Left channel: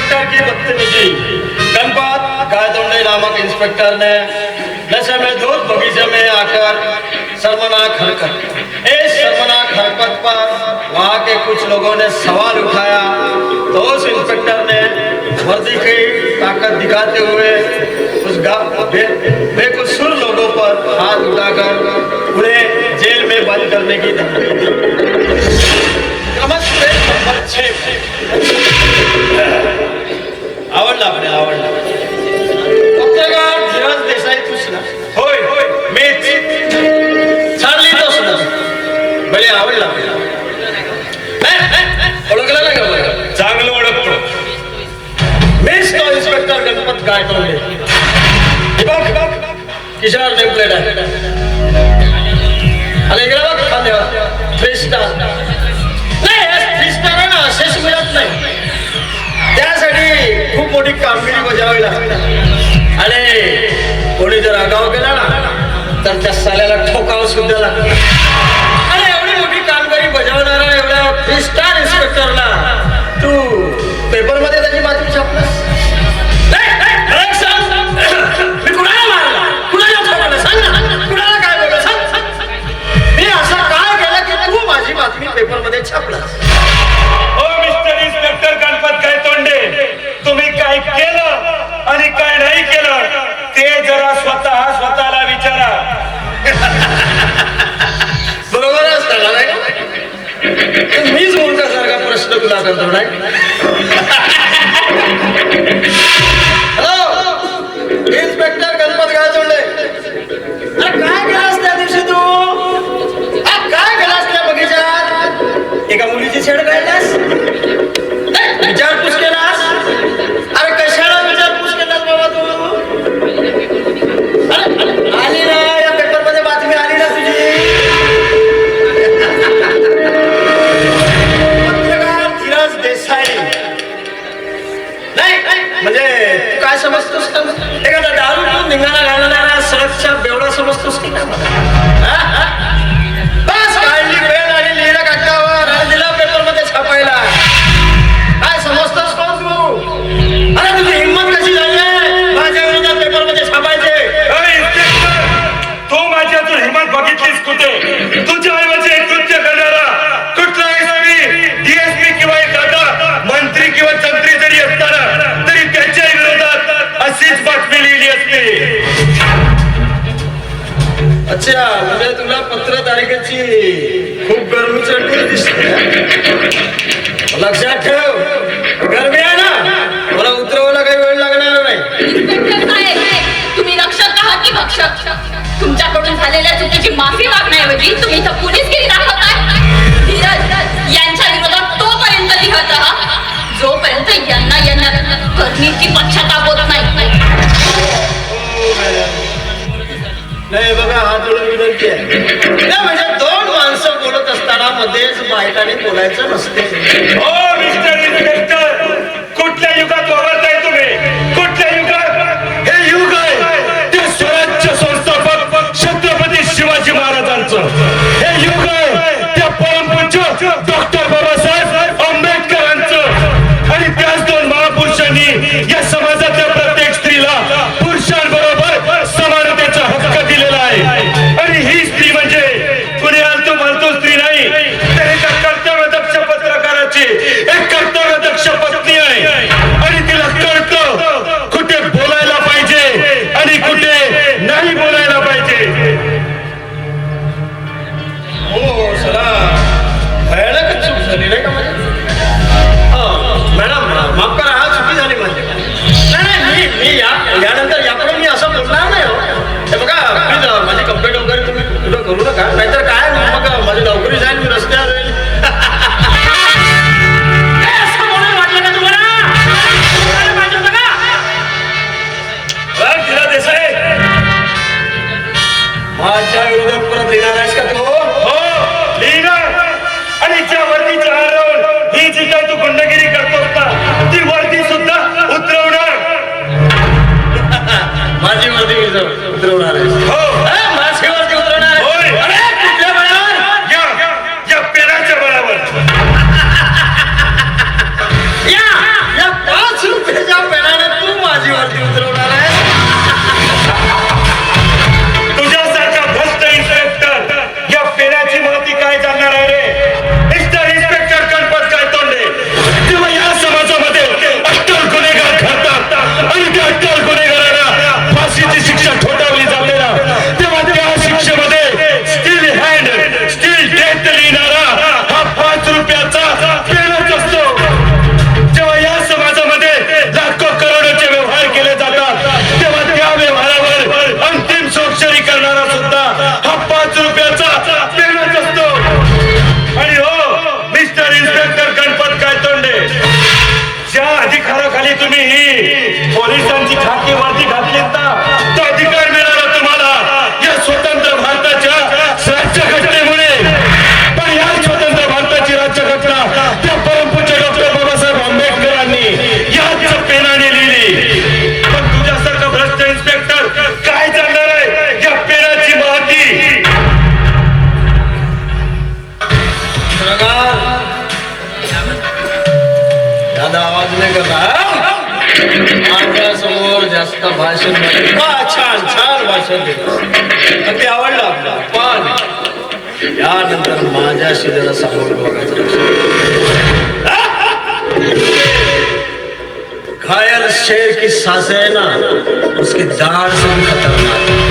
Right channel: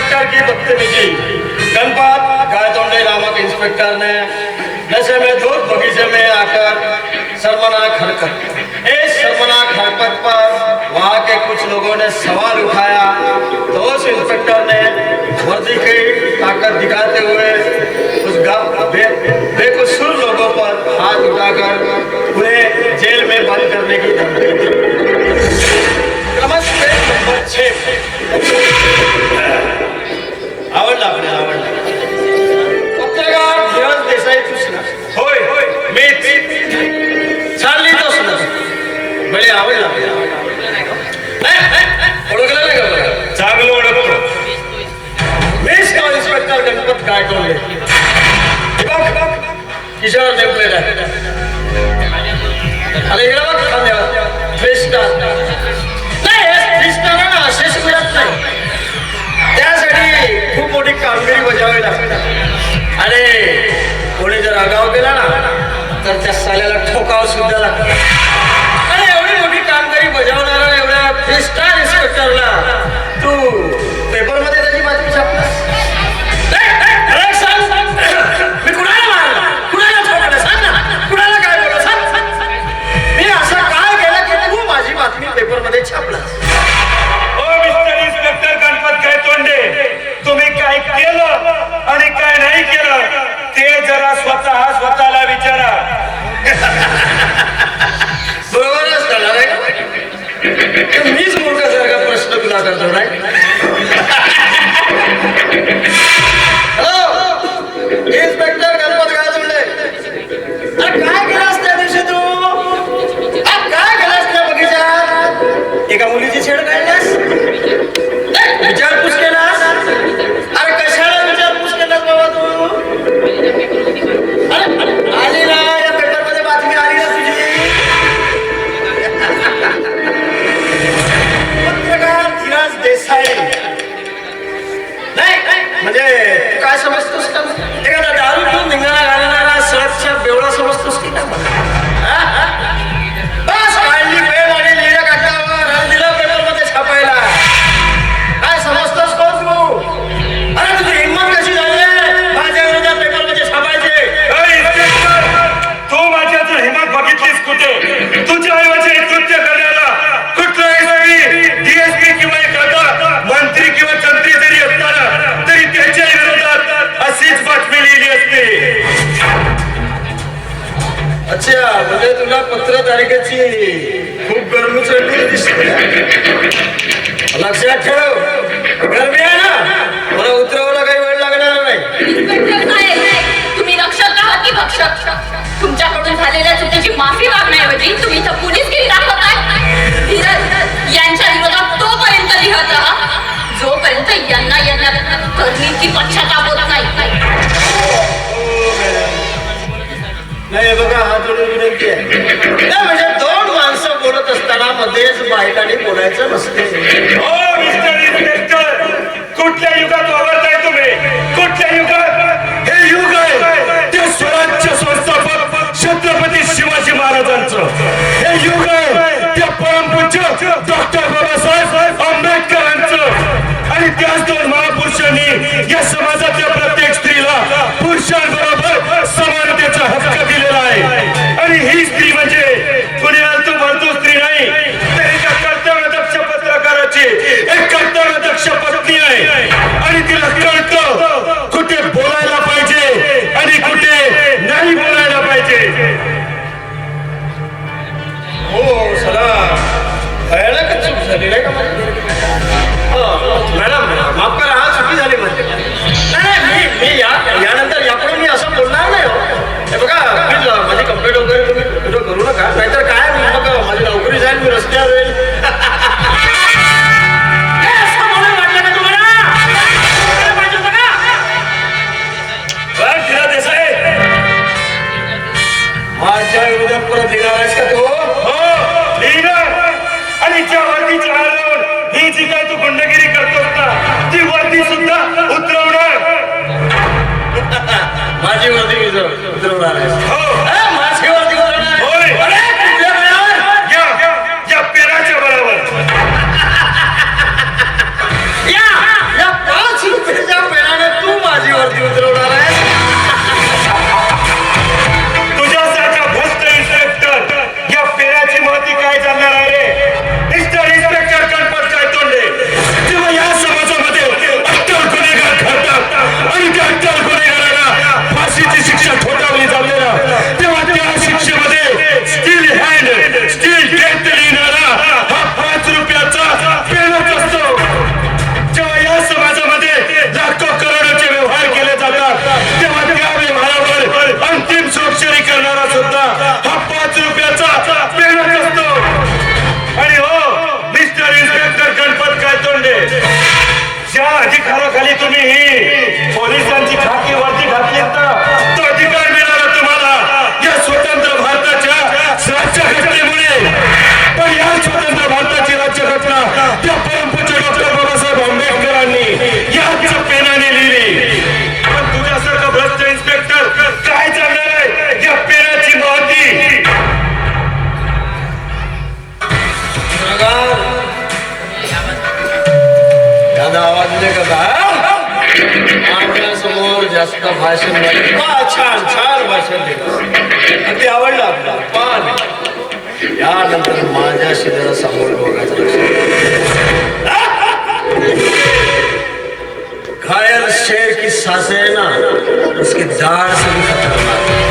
Inspector की बदतमीजी गनपात गायतोंडे नामक इंस्पेक्टर ने नशे में धूत बगीचे में आकर शर्मनाक हरकत इस शर्मनाक हरकत पर वहाँ के कुछ लोगों ने सवाल उठाया। तो उस इंस्पेक्टर ने वर्दी की ताकत दिखाते हुए उस बेकसूर लोगों पर हाथ उठाकर उन्हें जेल में बंद करने की धमकी दी। नमस्ते, नंबर छः। मीच चालली तो सुद्धा भले आवडला ओळखलं नाही का चांगलं ओळखतो. मीच तो इन्स्पेक्टर गणपत काय करून किशोर नेमप्लेट आहे अरे तर त्या साल्याला ठोकावं सुद्धा लागतं अरे एवढी मोठी कामगिरी बजावणारा एवढ्या फ्री स्टार इन्स्पेक्टरला দৌড়ায় म्हणजे तू काय समजतोस का? एखादा दारू निघणारा घालणारा सरसच्या बेवडा समजतोस की काय अच्छा म्हणजे तुला पत्र तारखेची खूप गरमी चढली दिसते. लक्षात ठेव. गरमी आहे ना? मला उतरवायला काही वेळ लागणार नाही. तुम्ही लक्षात आहात की भक्षक? तुमच्याकडून झालेल्या म्हणजे दोन माणसं बोलत असताना मध्येच बायकाने बोलायचं नसते. हो. जास्त भाषण छान छान भाषण दिलं अगदी आवडलं आपलं। पण यानंतर माझ्या शिलेला सामोरं बघायचं. घायल शेर की सासे ना उसकी दाढ़ से भी खतरनाक